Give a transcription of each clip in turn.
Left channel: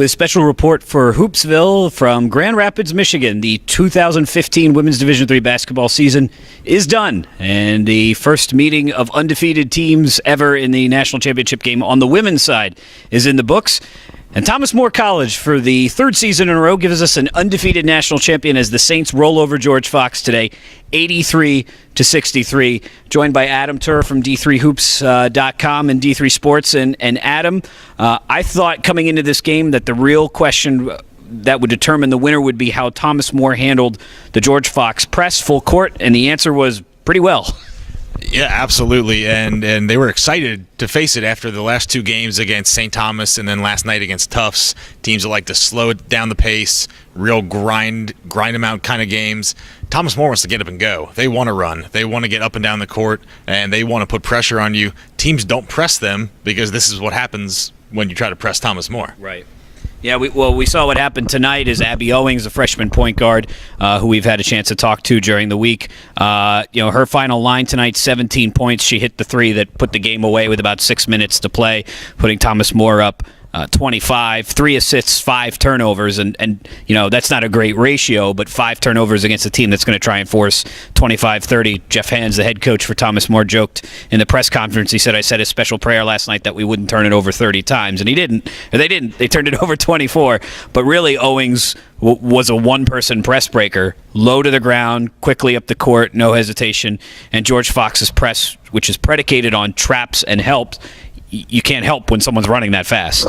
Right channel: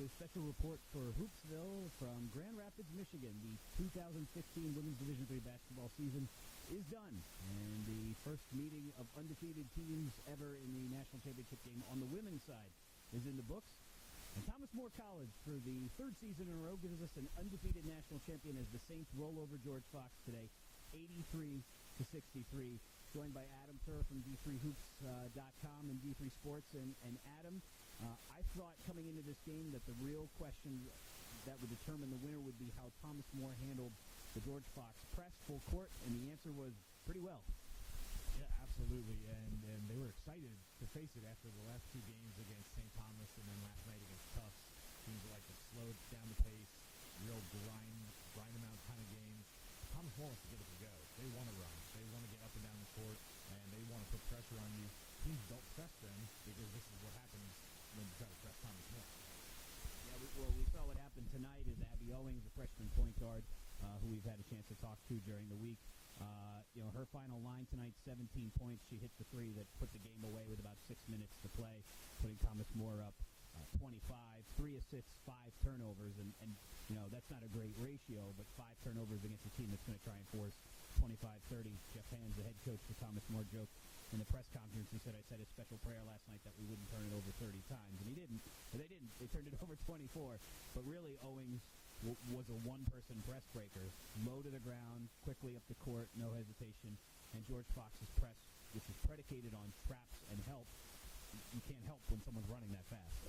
with a special report for Hoopsville from Grand Rapids, Michigan. The 2015 Women's Division III basketball season is done, and the first meeting of undefeated teams ever in the national championship game on the women's side is in the books. And Thomas More College, for the third season in a row, gives us an undefeated national champion as the Saints roll over George Fox today, 83-63. Joined by Adam Turer from D3Hoops.com and D3 Sports. And Adam, I thought coming into this game that the real question that would determine the winner would be how Thomas More handled the George Fox press full court, and the answer was pretty well. Yeah, absolutely, and they were excited to face it after the last two games against St. Thomas and then last night against Tufts. Teams that like to slow down the pace, real grind them out kind of games. Thomas More wants to get up and go. They want to run. They want to get up and down the court, and they want to put pressure on you. Teams don't press them because this is what happens when you try to press Thomas More. Right. Yeah, we saw what happened tonight is Abby Owings, a freshman point guard, who we've had a chance to talk to during the week. Her final line tonight, 17 points. She hit the three that put the game away with about 6 minutes to play, putting Thomas More up 25, 3 assists, 5 turnovers, and that's not a great ratio, but 5 turnovers against a team that's going to try and force 25-30. Jeff Hands, the head coach for Thomas More, joked in the press conference. He said, I said a special prayer last night that we wouldn't turn it over 30 times, and he didn't. Or they didn't. They turned it over 24. But really, Owings was a one-person press breaker, low to the ground, quickly up the court, no hesitation, and George Fox's press, which is predicated on traps and help, you can't help when someone's running that fast.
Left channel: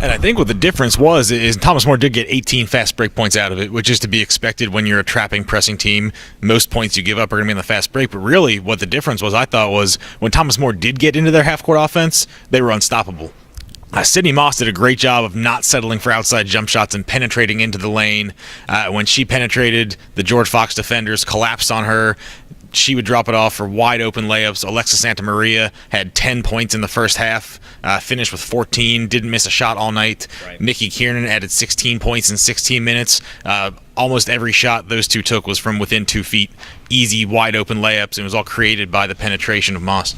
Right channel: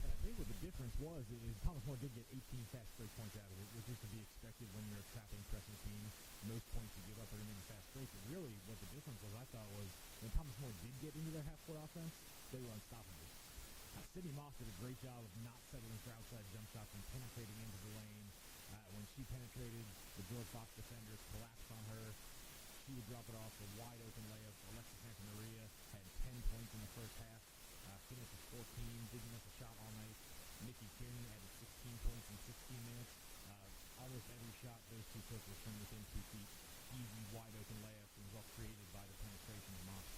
And I think what the difference is Thomas More did get 18 fast break points out of it, which is to be expected when you're a trapping, pressing team. Most points you give up are going to be on the fast break. But really, what the difference was, I thought, was when Thomas More did get into their half-court offense, they were unstoppable. Sydney Moss did a great job of not settling for outside jump shots and penetrating into the lane. When she penetrated, the George Fox defenders collapsed on her. She would drop it off for wide-open layups. Alexis Santamaria had 10 points in the first half, finished with 14, didn't miss a shot all night. Right. Nikki Kiernan added 16 points in 16 minutes. Almost every shot those two took was from within 2 feet. Easy, wide-open layups, and it was all created by the penetration of Moss.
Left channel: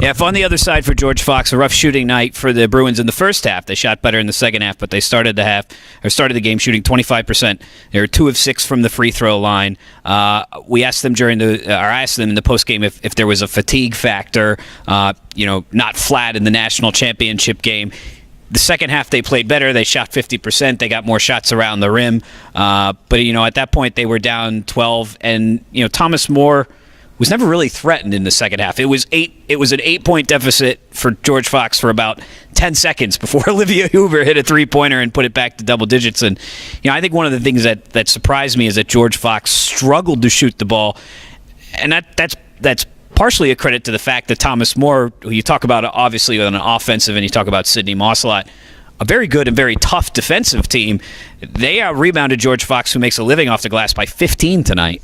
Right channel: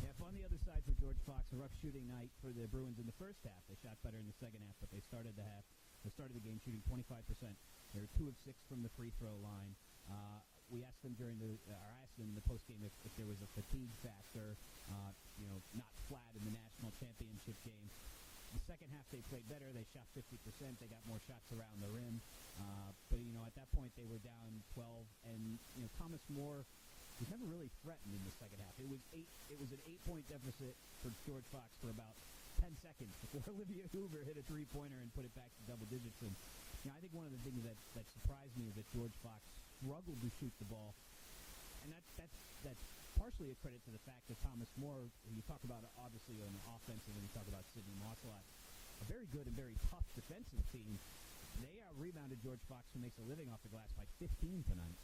Yeah, if on the other side for George Fox, a rough shooting night for the Bruins in the first half. They shot better in the second half, but they started the game shooting 25%. They were 2 of 6 from the free throw line. We asked them I asked them in the postgame if there was a fatigue factor, not flat in the national championship game. The second half they played better. They shot 50%. They got more shots around the rim. But at that point they were down 12, and Thomas More was never really threatened in the second half. It was an 8-point deficit for George Fox for about 10 seconds before Olivia Huber hit a three-pointer and put it back to double digits. And I think one of the things that surprised me is that George Fox struggled to shoot the ball, and that's partially a credit to the fact that Thomas More, who you talk about obviously on an offensive, and you talk about Sydney Moss a lot, a very good and very tough defensive team. They out-rebounded George Fox, who makes a living off the glass, by 15 tonight.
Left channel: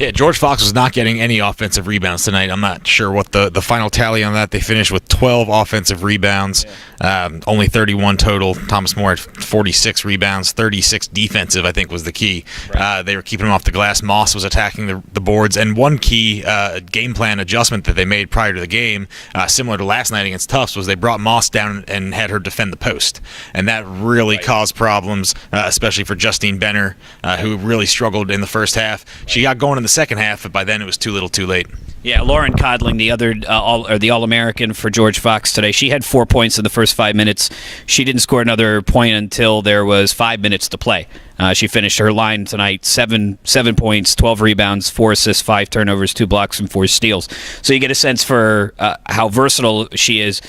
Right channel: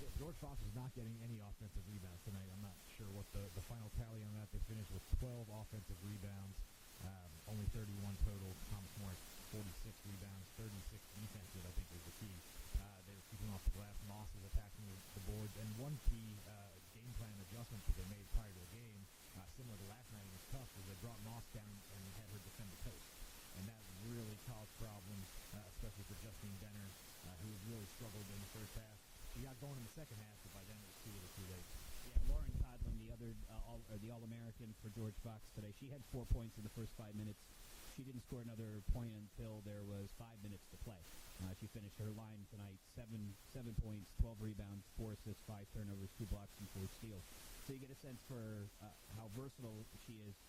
Yeah, George Fox was not getting any offensive rebounds tonight. I'm not sure what the final tally on that. They finished with 12 offensive rebounds, only 31 total. Thomas More had 46 rebounds, 36 defensive, I think, was the key. Right. They were keeping him off the glass. Moss was attacking the boards. And one key game plan adjustment that they made prior to the game, similar to last night against Tufts, was they brought Moss down and had her defend the post. And that really caused problems, especially for Justine Benner, who really struggled in the first half. She got going in the second half, but by then it was too little too late. Yeah, Lauren Codling, the other the All-American for George Fox today, she had 4 points in the first 5 minutes. She didn't score another point until there was 5 minutes to play. She finished her line tonight, 7 points, 12 rebounds, 4 assists, 5 turnovers, 2 blocks, and 4 steals. So you get a sense for how versatile she is.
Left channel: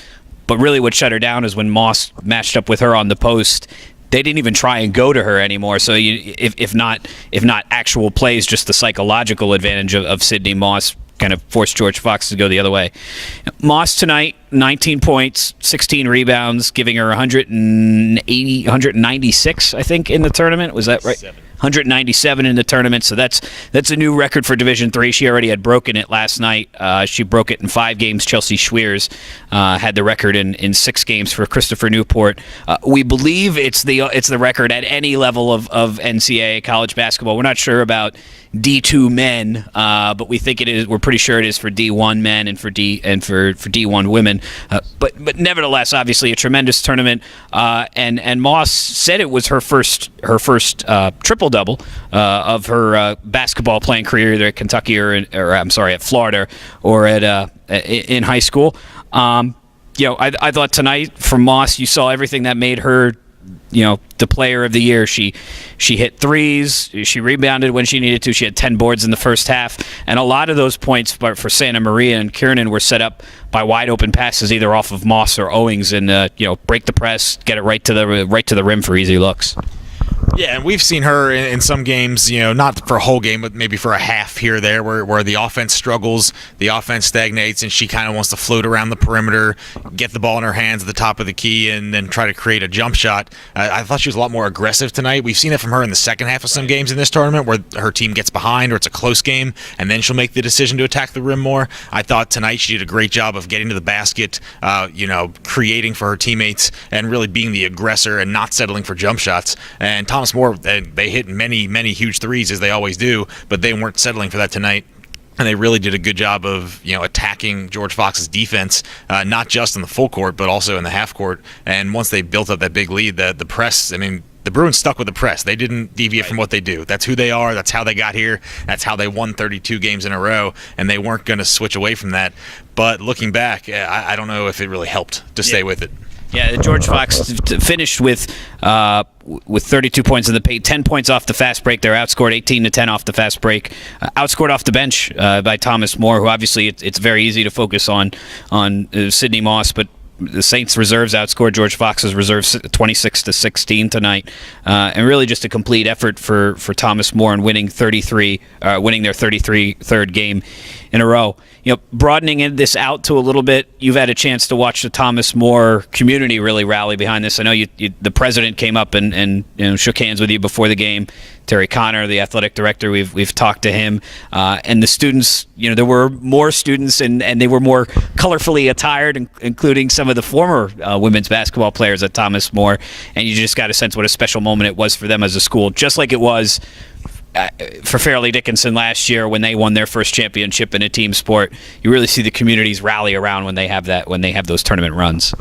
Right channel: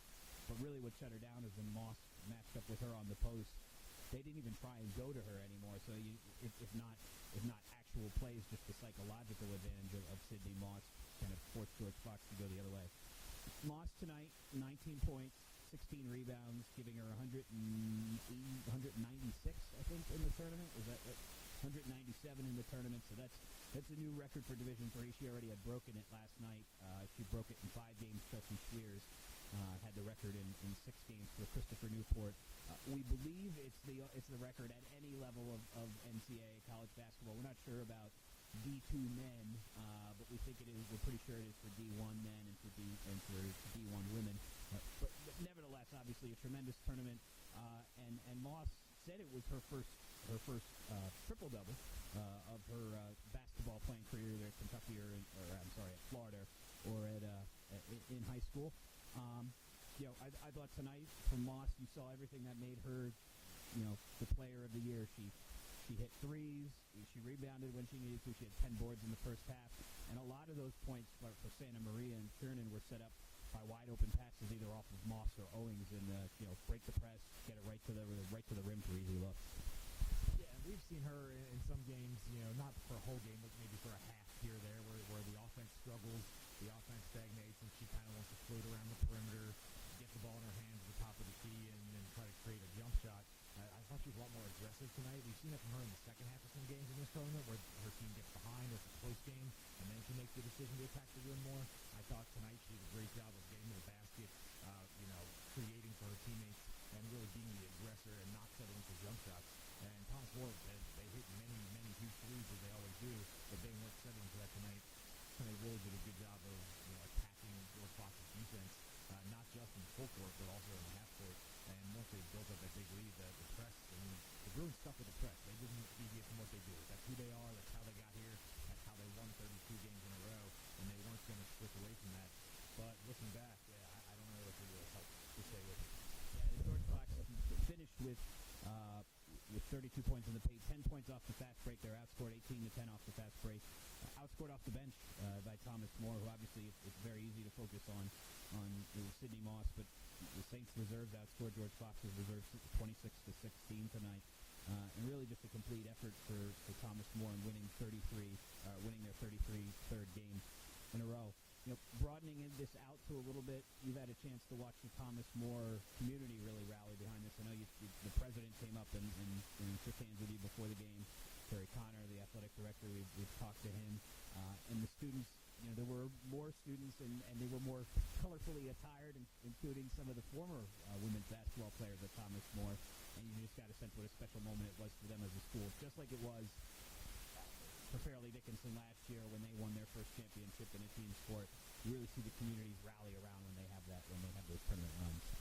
But really what shut her down is when Moss matched up with her on the post. They didn't even try and go to her anymore. So if not actual plays, just the psychological advantage of Sydney Moss kind of forced George Fox to go the other way. Moss tonight, 19 points, 16 rebounds, giving her 196, I think, in the tournament. Was that right? 197 in the tournament, so that's a new record for Division III. She already had broken it last night. She broke it in 5 games. Chelsea Schweers had the record in 6 games for Christopher Newport. We believe it's the record at any level of NCAA college basketball. We're not sure about D2 men, but we think it is. We're pretty sure it is for D1 men and for D1 women. But nevertheless, obviously a tremendous tournament. And Moss said it was her first triple double of her basketball playing career, either at Kentucky or I'm sorry, at Florida or at in high school. I thought tonight from Moss, you saw everything that made her, the player of the year. She hit threes. She rebounded when she needed to. She had 10 boards in the first half. And a lot of those points for Santa Maria and Kiernan were set up by wide open passes, either off of Moss or Owings, and break the press, get it right to the rim for easy looks. Yeah, and we've seen her in some games, not for a whole game, but maybe for a half here or there, where the offense struggles, the offense stagnates, and she kind of wants to float around the perimeter, get the ball in her hands at the top of the key, and then try to create a jump shot. I thought she was a lot more aggressive tonight. We've seen it from her in the second half of some games in this tournament, where her team gets behind or it's a close game, and then she'll make the decision to attack the rim more. I thought tonight she did a great job of getting to the basket, creating for her teammates, and really being the aggressor and not settling for jump shots. And Thomas More, they hit many, many huge threes, as they always do, but they weren't settling for that tonight. And they really did a good job of, attacking George Fox's defense, not just in the full court, but also in the half court. And once they built up that big lead, the press, the Bruins stuck with the press. They didn't deviate from what they do. That's who they are. That's how they got here. That's how they won 32 games in a row, and they weren't going to switch away from that. But looking back, I don't know if it really helped to stay with it. Yeah, George Fox finished with 32 points in the paint, 10 points off the fast break. They're outscored 18-10 off the fast break. Outscored off the bench by Thomas More, who obviously it's very easy to focus on Sydney Moss, but the Saints reserves outscored George Fox's reserves 26-16 tonight, and really just a complete effort for Thomas More in winning their 33rd game in a row. Broadening this out to a little bit, you've had a chance to watch the Thomas More community really rally behind this. I know the president came up and shook hands with you before the game. Terry Connor, the athletic director, we've talked to him, and the students. There were more students, and they were more colorfully attired, including some of the former women's basketball players at Thomas More. And you just got a sense what a special moment it was for them as a school, just like it was for Fairleigh Dickinson last year when they won their first championship in a team sport. You really see the communities rally around when they have those tournament runs.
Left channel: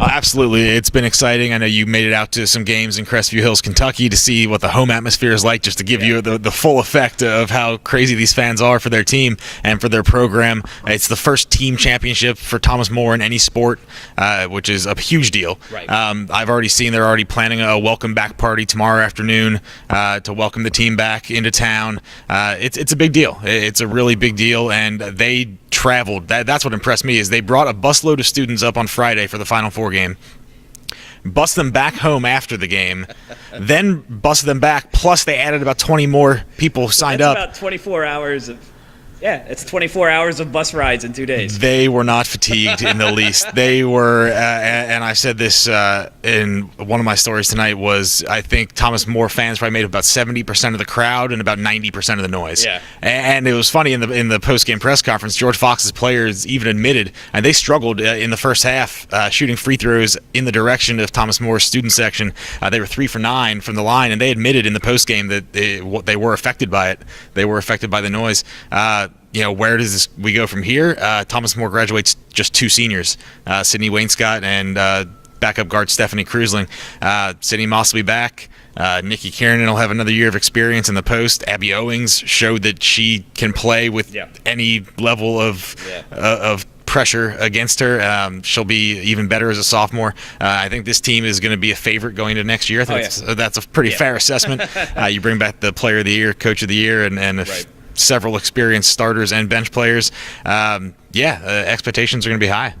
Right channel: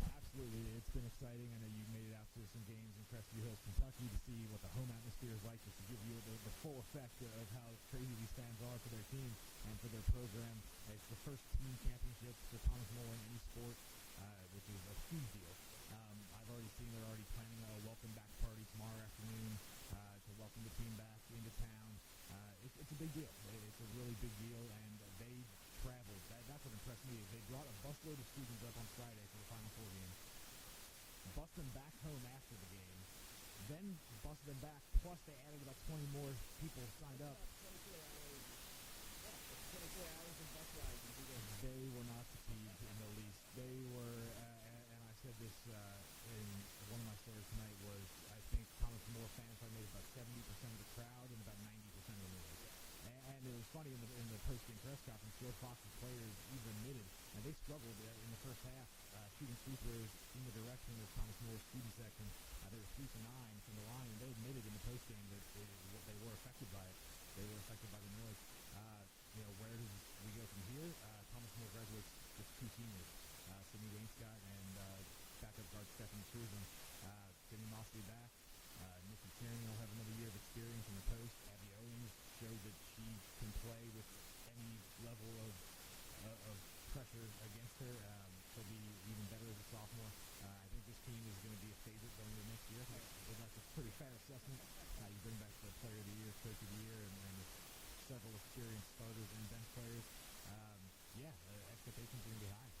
Absolutely. It's been exciting. I know you made it out to some games in Crestview Hills, Kentucky, to see what the home atmosphere is like, just to give you the full effect of how crazy these fans are for their team and for their program. It's the first team championship for Thomas More in any sport, which is a huge deal. Right. I've already seen they're already planning a welcome back party tomorrow afternoon to welcome the team back into town. It's a big deal. It's a really big deal, and they traveled. That's what impressed me, is they brought a busload of students up on Friday for the Final Four game, bus them back home after the game, then bus them back, plus they added about 20 more people signed up. About 24 hours of it's 24 hours of bus rides in 2 days. They were not fatigued in the least. They were, and I said this in one of my stories tonight, was I think Thomas More fans probably made up about 70% of the crowd and about 90% of the noise. Yeah. And it was funny in the post-game press conference, George Fox's players even admitted, and they struggled in the first half shooting free throws in the direction of Thomas More's student section. They were 3 for 9 from the line, and they admitted in the post-game that they were affected by it. They were affected by the noise. Where does we go from here? Thomas More graduates just 2 seniors, Sydney Wainscott and backup guard Stephanie Krusling. Sydney Moss will be back. Nikki Kiernan will have another year of experience in the post. Abby Owings showed that she can play with any level of pressure against her. She'll be even better as a sophomore. I think this team is going to be a favorite going into next year. I think that's a pretty fair assessment. You bring back the player of the year, coach of the year, and several experienced starters and bench players. Expectations are going to be high.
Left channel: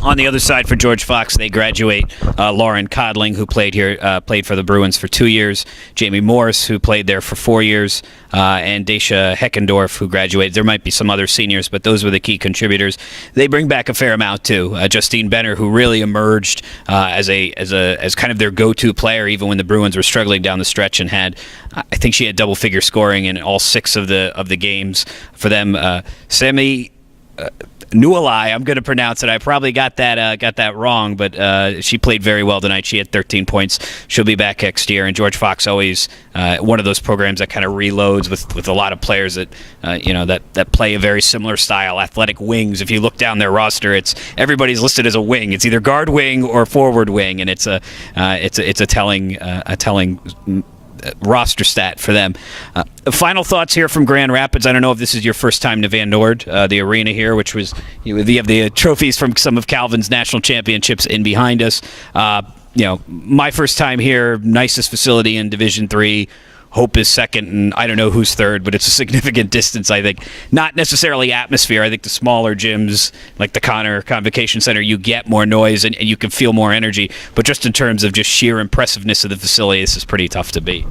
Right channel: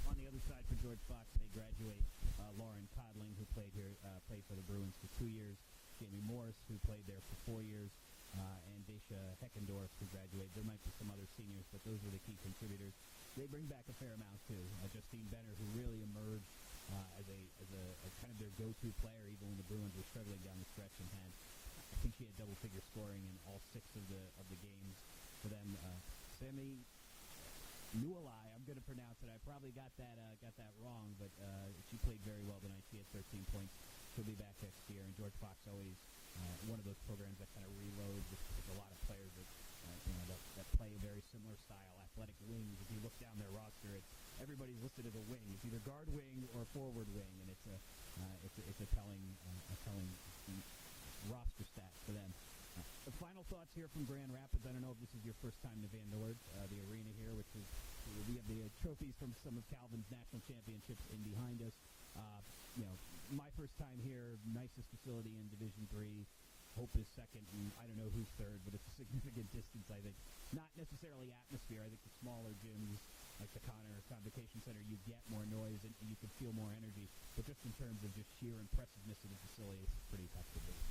On the other side for George Fox, they graduate Lauren Codling, who played for the Bruins for 2 years, Jamie Morris, who played there for 4 years, and Daisha Heckendorf, who graduated. There might be some other seniors, but those were the key contributors. They bring back a fair amount too. Justine Benner, who really emerged as kind of their go-to player, even when the Bruins were struggling down the stretch, and I think she had double-figure scoring in all 6 of the games for them. Sammy Nualai, I'm going to pronounce it. I probably got that wrong, but she played very well tonight. She had 13 points. She'll be back next year. And George Fox always one of those programs that kind of reloads with a lot of players that that play a very similar style, athletic wings. If you look down their roster, everybody's listed as a wing. It's either guard wing or forward wing, and it's a telling roster stat for them. Final thoughts here from Grand Rapids. I don't know if this is your first time to Van Noord, the arena here, which was you have the trophies from some of Calvin's national championships in behind us. My first time here. Nicest facility in Division III. Hope is second, and I don't know who's third, but it's a significant distance, I think. Not necessarily atmosphere. I think the smaller gyms, like the Convocation Center, you get more noise and you can feel more energy. But just in terms of just sheer impressiveness of the facility, this is pretty tough to beat.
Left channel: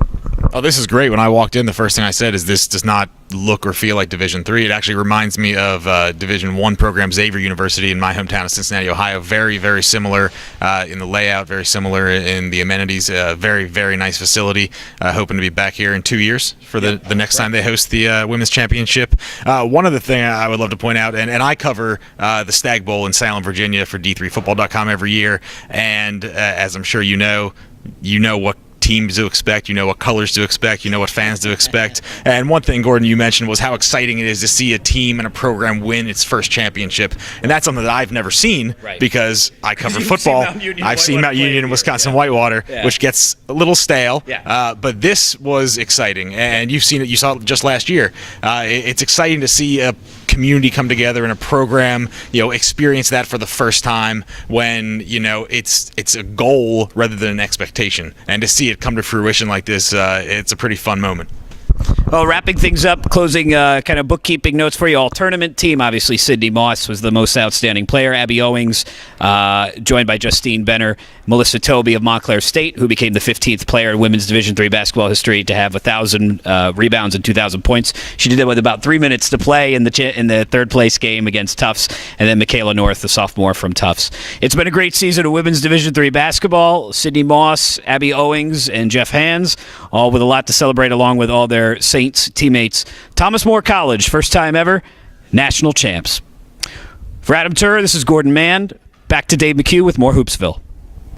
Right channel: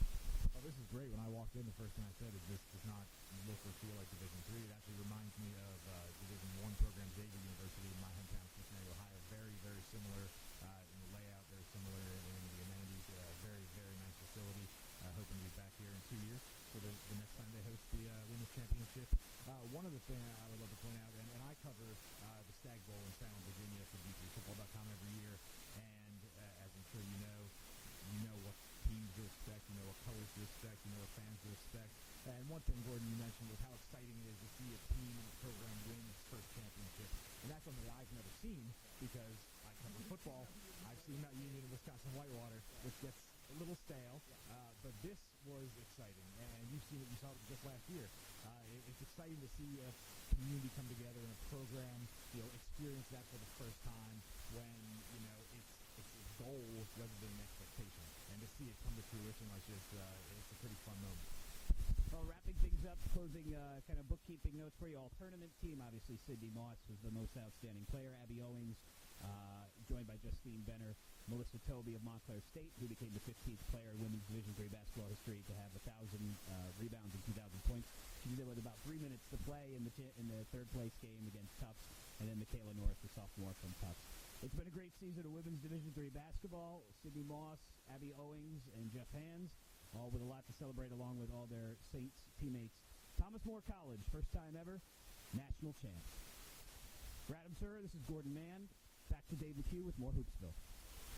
Oh, this is great. When I walked in, the first thing I said is this does not look or feel like Division III. It actually reminds me of Division I program, Xavier University in my hometown of Cincinnati, Ohio. Very, very similar in the layout, very similar in the amenities. Very, very nice facility. Hoping to be back here in 2 years for the next time they host the Women's Championship. One other thing I would love to point out, and I cover the Stag Bowl in Salem, Virginia for D3Football.com every year, and as I'm sure you know what teams to expect, you know what colors to expect, you know what fans to expect. And one thing, Gordon, you mentioned was how exciting it is to see a team and a program win its first championship. And that's something that I've never seen because I cover football. I've seen Mount Union and Wisconsin Whitewater, which gets a little stale. But this was exciting. And you've seen it. You saw it just last year. It's exciting to see a community come together and a program, experience that for the first time when, it's a goal rather than an expectation. And to see it come to fruition like this, it's a pretty fun moment. Well, wrapping things up, closing kind of bookkeeping notes for you all. Tournament team, obviously, Sydney Moss was the most outstanding player. Abby Owings, joined by Justine Benner, Melissa Toby of Montclair State, who became the 15th player in women's Division III basketball history to have 1,000 rebounds and 2,000 points. She did it with about 3 minutes to play in the third-place game against Tufts, and then Michaela North, the sophomore from Tufts. It's been a great season of women's Division III basketball. Sydney Moss, Abby Owings, and Jeff Hands, all with a lot to celebrate along with all their Saints teammates. Thomas More College, first time ever, national champs. For Adam Turer, this is Gordon Mann. Back to Dave McHugh with more Hoopsville.